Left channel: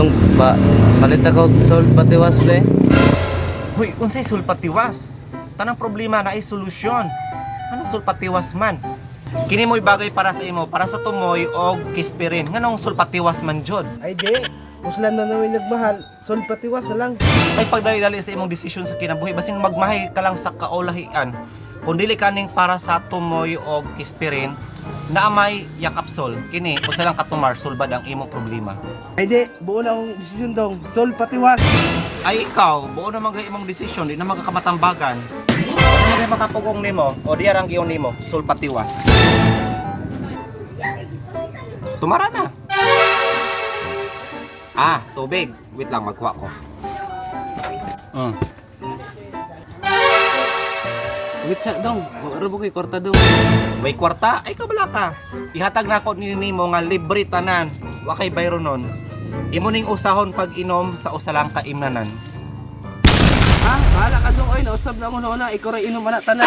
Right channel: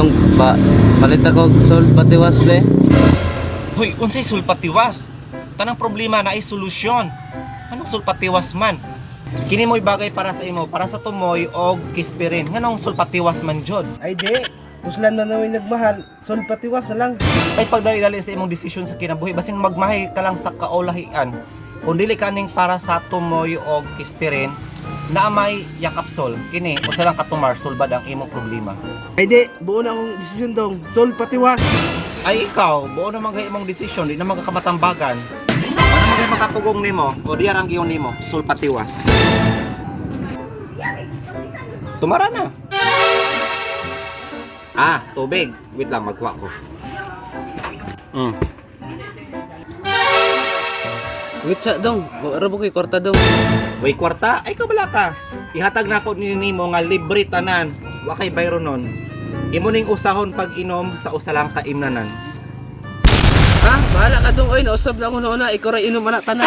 Dong, palit ako sol patiwas be. Hoy, unsay sulpatiwas? Tanang problema na ay solusyon. Anong sulpatiwas man? Kini mo'y bagay para sa imo, para sa tumoy o kispirin. Nganong sulpatiwas man jud? Ay di, puslan man naway nagmahal, sol patiwas na lang. Ay pagdali sa imong desisyon sa kinabuhi, basin magmahay ka lang sa kaulahian. Kung dili kaning para sa tumoy o kispirin, na may yakapsol, kini usa lang katumar sulbad ang imong problema. Ay di, buo na akong desisyon dong, sol patiwas. Ay ikaw, buo naman kay imong desisyon, di na magkakabatambagan. Ano naman kay makapugong nimo o di arang giyon nimo, sulpatiwas. Tumara na. Ah, tubig. Wait lang, magkuha ko. Wait sa dong, wala mo kay kwarta dong. Way kwarta, ay kabala ka. Ihatag na ko nimo nga libre tanan. Wa kay bayro nun. Imo ning usahon pag inom sa usa lang ka imnanan. Ha? Bahala ka dong, oy, nausab na ako noon na, ikaw rin inom anak tanan.